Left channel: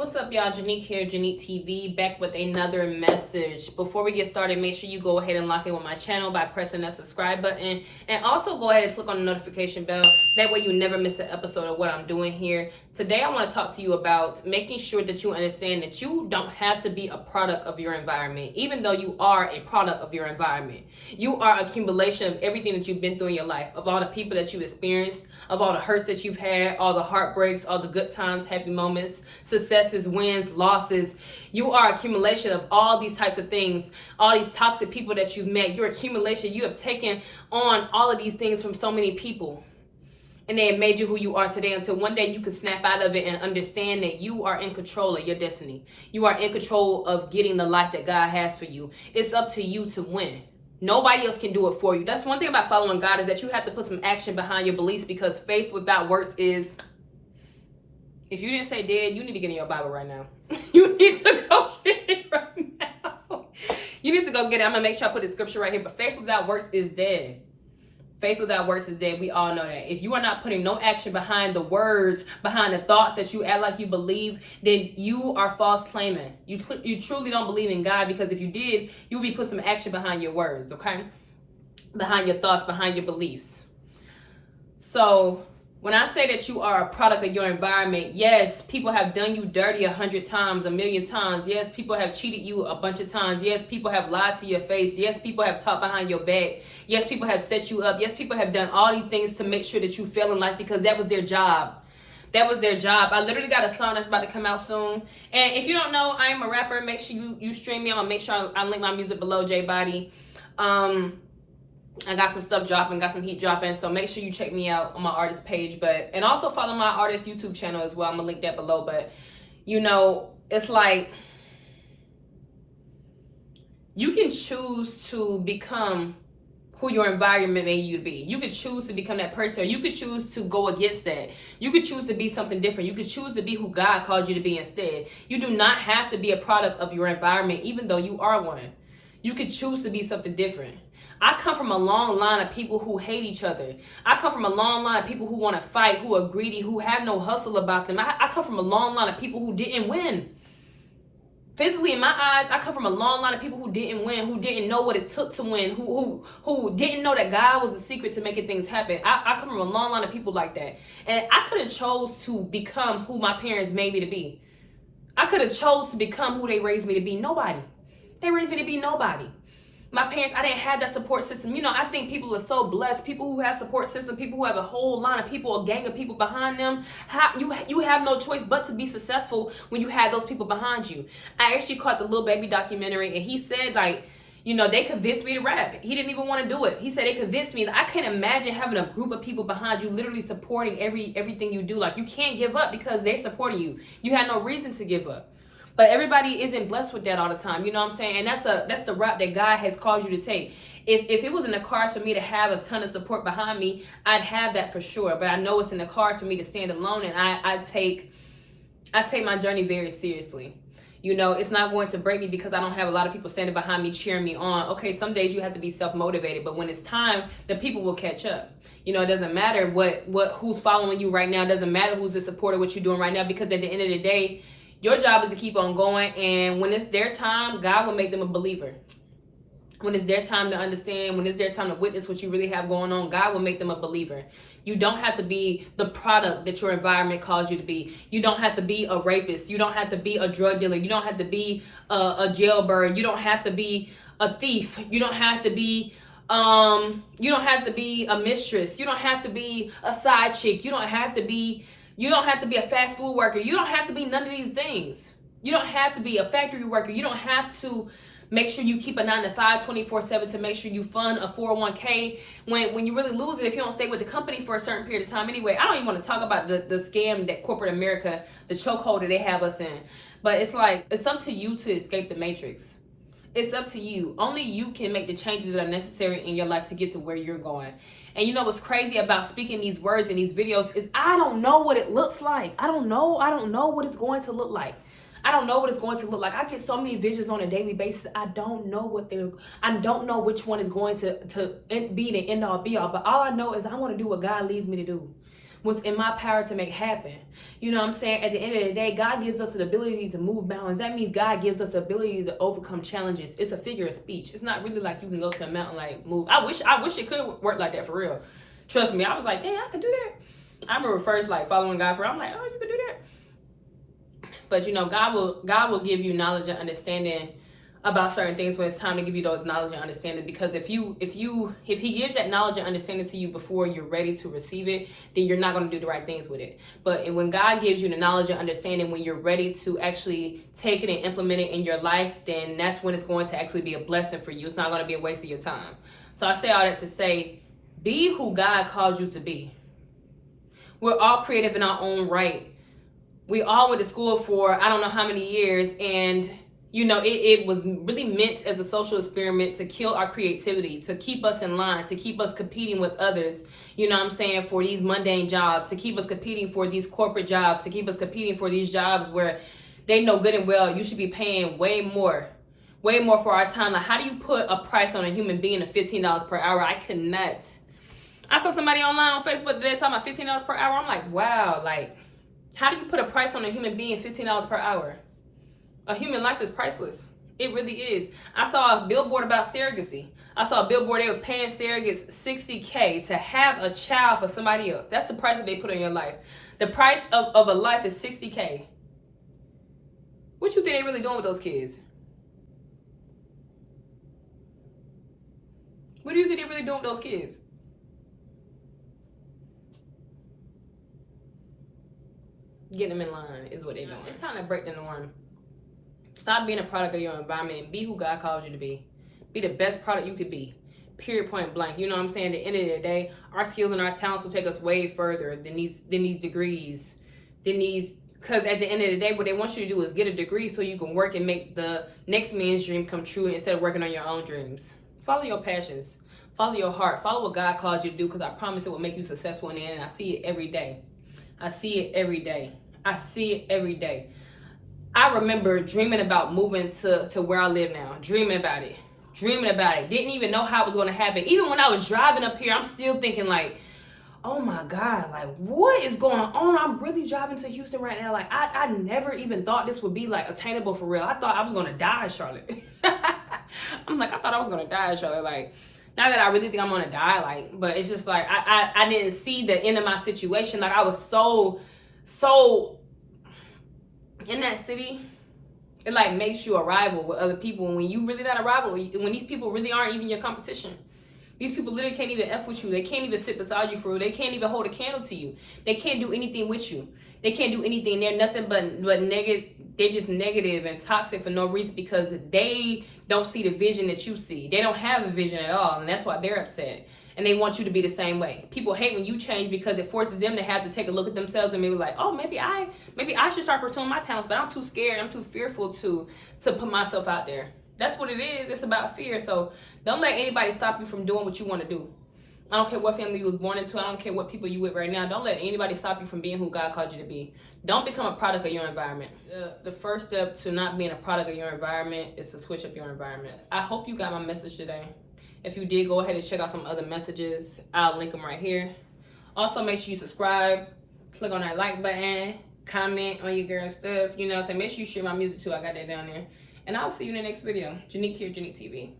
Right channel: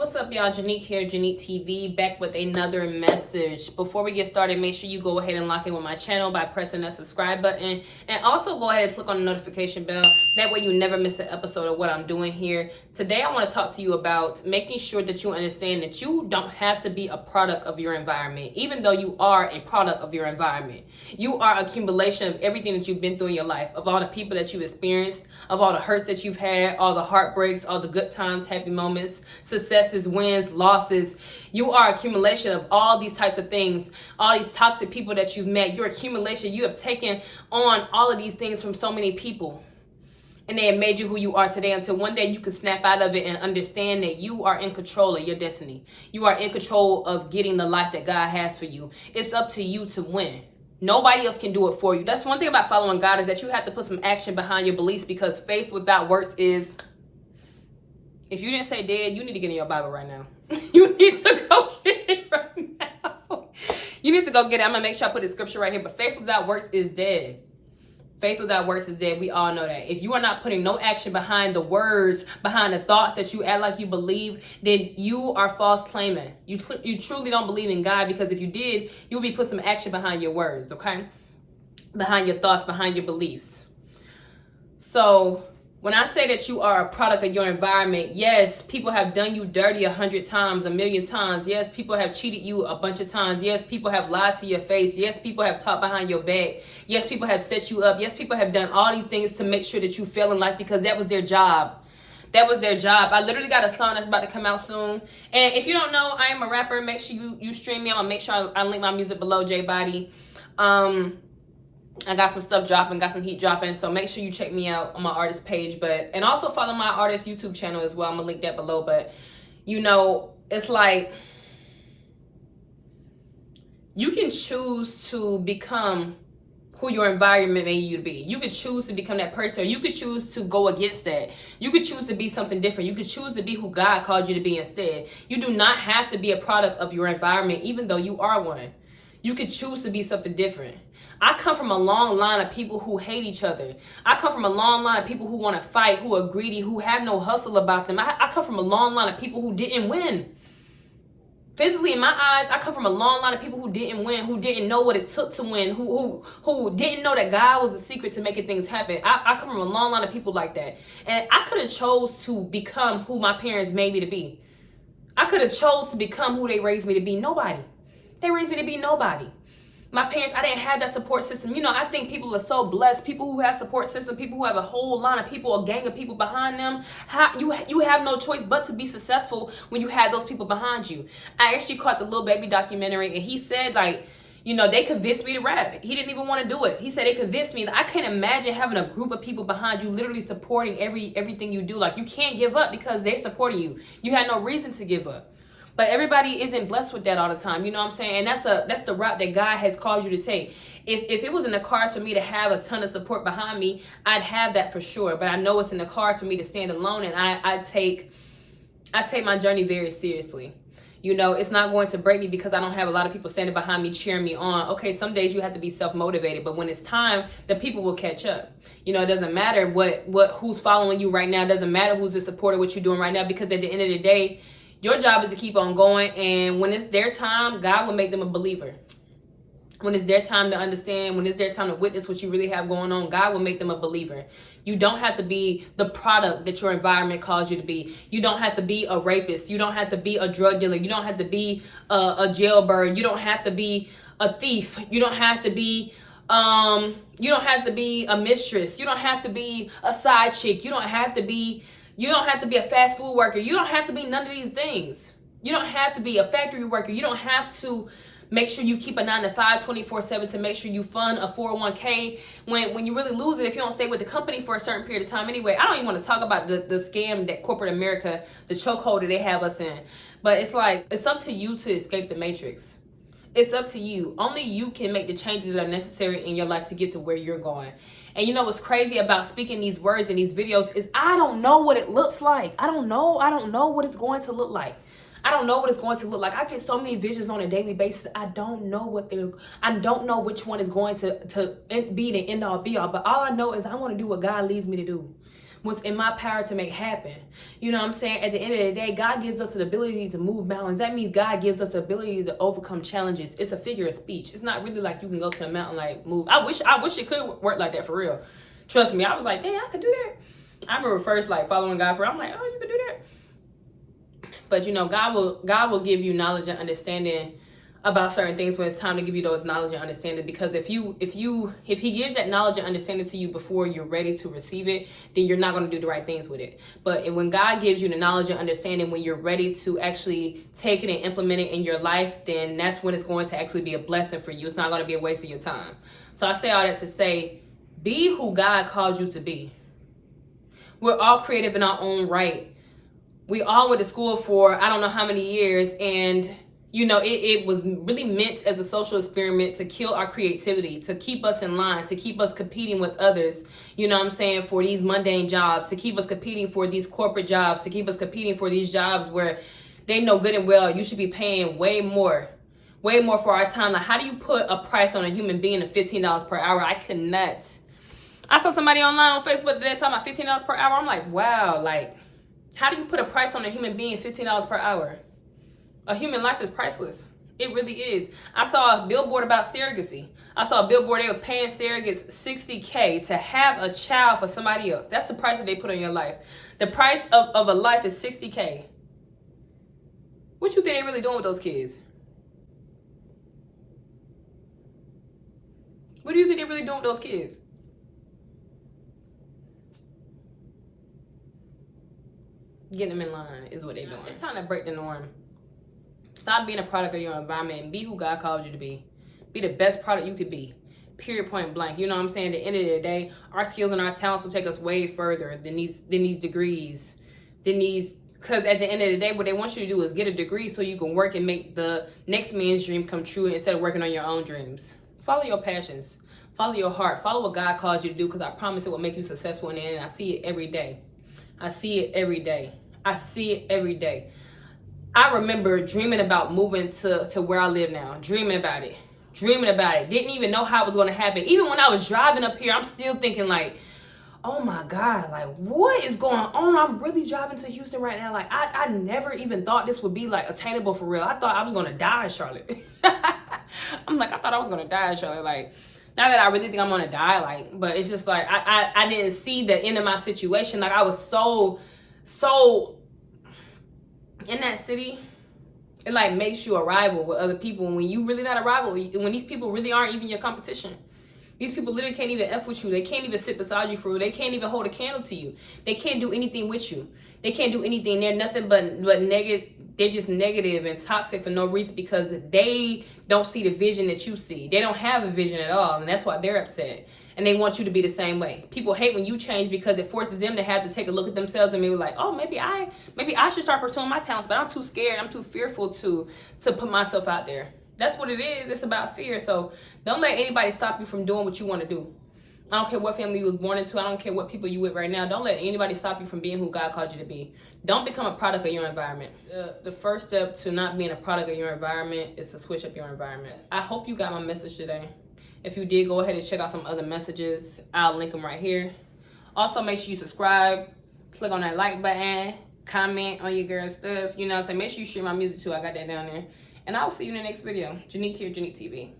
What's up, y'all? Janique here, Janique TV, back with another message. Before we get started, make sure you go ahead and lock in with my channel by pressing that subscribe button. And also go ahead and click on the notification bell. That way you never miss an episode of what I'm doing here. Today, I want to talk to you about making sure that you understand that you don't have to be a product of your environment, even though you are a product of your environment. You are an accumulation of everything that you've been through in your life, of all the people that you've experienced, of all the hurts that you've had, all the heartbreaks, all the good times, happy moments, successes, wins, losses. You are accumulation of all these types of things, all these toxic people that you've met. Your accumulation, you have taken on all of these things from so many people. And they have made you who you are today until one day you can snap out of it and understand that you are in control of your destiny. You are in control of getting the life that God has for you. It's up to you to win. Nobody else can do it for you. That's one thing about following God, is that you have to put some action behind your beliefs, because faith without works is, if you didn't say dead, you need to get in your Bible right now. You need to go get it right now. You need to go get it. I'm going to make sure I put the scripture right here. But faith without works is dead. Faith without works is dead. We all know that. If you are not putting no action behind the words, behind the thoughts that you act like you believe, then you are false claiming. You truly don't believe in God, because if you did, you'll be put some action behind your words, okay? Behind your thoughts, behind your beliefs. So when I say that you are a product of your environment, yes, people have done you dirty 100 times, 1,000,000 times. Yes, people have cheated you a bunch of times. Yes, people have lied to your face. Yes, people have talked behind your back. Yes, people have set you up. Yes, people have done all these things to make sure that you fail in life, because that was their job. That was their job. I literally got a song that's about to come out soon. And if you don't know, I am a rapper. Make sure you stream me. I'll make sure I link my music below, J Body. I got some stuff dropping, got some heat dropping, so make sure you check me out on my artist page, and also follow my artist YouTube channel as well. I'm gonna link that below. But you know, it's like you can choose to become who your environment made you to be. You could choose to become that person, or you could choose to go against that. You could choose to be something different. You could choose to be who God called you to be instead. You do not have to be a product of your environment, even though you are one. You could choose to be something different. I come from a long line of people who hate each other. I come from a long line of people who want to fight, who are greedy, who have no hustle about them. I come from a long line of people who didn't win. Physically, in my eyes, I come from a long line of people who didn't win, who didn't know what it took to win, who didn't know that God was the secret to making things happen. I come from a long line of people like that. And I could have chose to become who my parents made me to be. I could have chose to become who they raised me to be. Nobody. They raised me to be nobody. My parents, I didn't have that support system. You know, I think people are so blessed. People who have support system, people who have a whole line of people, a gang of people behind them. You have no choice but to be successful when you have those people behind you. I actually caught the Lil Baby documentary, and he said, like, you know, they convinced me to rap. He didn't even want to do it. He said they convinced me. I can't imagine having a group of people behind you literally supporting everything you do. Like, you can't give up because they're supporting you. You had no reason to give up. But everybody isn't blessed with that all the time. You know what I'm saying? And that's the route that God has called you to take. If it was in the cards for me to have a ton of support behind me, I'd have that for sure. But I know it's in the cards for me to stand alone, and I take my journey very seriously. You know, it's not going to break me because I don't have a lot of people standing behind me, cheering me on. Okay, some days you have to be self-motivated, but when it's time, the people will catch up. You know, it doesn't matter who's following you right now. It doesn't matter who's the supporter of what you're doing right now, because at the end of the day, your job is to keep on going, and when it's their time, God will make them a believer. When it's their time to understand, when it's their time to witness what you really have going on, God will make them a believer. You don't have to be the product that your environment calls you to be. You don't have to be a rapist. You don't have to be a drug dealer. You don't have to be a jailbird. You don't have to be a thief. You don't have to be you don't have to be a mistress. You don't have to be a side chick. You don't have to be a fast food worker. You don't have to be none of these things. You don't have to be a factory worker. You don't have to make sure you keep a 9-to-5 24/7 to make sure you fund a 401k when you really lose it if you don't stay with the company for a certain period of time anyway. I don't even want to talk about the scam that corporate America, the chokehold that they have us in. But it's like, it's up to you to escape the matrix. It's up to you. Only you can make the changes that are necessary in your life to get to where you're going. And you know what's crazy about speaking these words in these videos is I don't know what it looks like. I don't know what it's going to look like. I don't know what it's going to look like. I get so many visions on a daily basis. I don't know which one is going to be the end all be all. But all I know is I want to do what God leads me to do. what's in my power to make happen. You know what I'm saying? At the end of the day, God gives us the ability to move mountains. That means God gives us the ability to overcome challenges. It's a figure of speech. It's not really like you can go to a mountain like move. I wish it could work like that for real. Trust me, I was like, dang, I could do that. I remember first like following God for. I'm like, oh, you could do that. But you know, God will give you knowledge and understanding about certain things when it's time to give you those knowledge and understanding. Because if he gives that knowledge and understanding to you before you're ready to receive it, then you're not going to do the right things with it. But when God gives you the knowledge and understanding when you're ready to actually take it and implement it in your life, then that's when it's going to actually be a blessing for you. It's not going to be a waste of your time. So I say all that to say, be who God called you to be. We're all creative in our own right. We all went to school for I don't know how many years, and you know, it was really meant as a social experiment to kill our creativity, to keep us in line, to keep us competing with others, you know what I'm saying, for these mundane jobs, to keep us competing for these corporate jobs, to keep us competing for these jobs where they know good and well you should be paying way more for our time. Like, how do you put a price on a human being of $15 per hour? I could not. I saw somebody online on Facebook today talking about $15 per hour. I'm like, wow, like, how do you put a price on a human being $15 per hour? A human life is priceless. It really is. I saw a billboard about surrogacy. I saw a billboard, they were paying surrogates $60K to have a child for somebody else. That's the price that they put on your life. The price of a life is $60K. What you think they really doing with those kids? What do you think they're really doing with those kids? Getting them in line is what they're doing. It's time to break the norm. Stop being a product of your environment and be who God called you to be. Be the best product you could be. Period, point blank. You know what I'm saying? At the end of the day, our skills and our talents will take us way further than these degrees. Because at the end of the day, what they want you to do is get a degree so you can work and make the next man's dream come true instead of working on your own dreams. Follow your passions. Follow your heart. Follow what God called you to do, because I promise it will make you successful in the end. And I see it every day. I see it every day. I see it every day. I remember dreaming about moving to where I live now. Dreaming about it. Didn't even know how it was going to happen. Even when I was driving up here, I'm still thinking like, oh my God, like what is going on? I'm really driving to Houston right now. Like I never even thought this would be like attainable for real. I thought I was going to die in Charlotte. I thought I was going to die in Charlotte. Like, not that I really think I'm going to die, like, but it's just like, I didn't see the end of my situation. Like I was so in that city, it like makes you a rival with other people. And when you really not a rival, when these people really aren't even your competition, these people literally can't even F with you. They can't even sit beside you for real. They can't even hold a candle to you. They can't do anything with you. They can't do anything. They're nothing but negative. They're just negative and toxic for no reason, because they don't see the vision that you see. They don't have a vision at all, and that's why they're upset. And they want you to be the same way. People hate when you change because it forces them to have to take a look at themselves and maybe like, oh, maybe I should start pursuing my talents, but I'm too scared. I'm too fearful to put myself out there. That's what it is. It's about fear. So don't let anybody stop you from doing what you want to do. I don't care what family you was born into. I don't care what people you with right now. Don't let anybody stop you from being who God called you to be. Don't become a product of your environment. The first step to not being a product of your environment is to switch up your environment. I hope you got my message today. If you did, go ahead and check out some other messages. I'll link them right here. Also, make sure you subscribe. Click on that like button. Comment on your girl stuff. You know what I'm saying? Make sure you share my music too. I got that down there. And I'll see you in the next video. Janique here, Janique TV.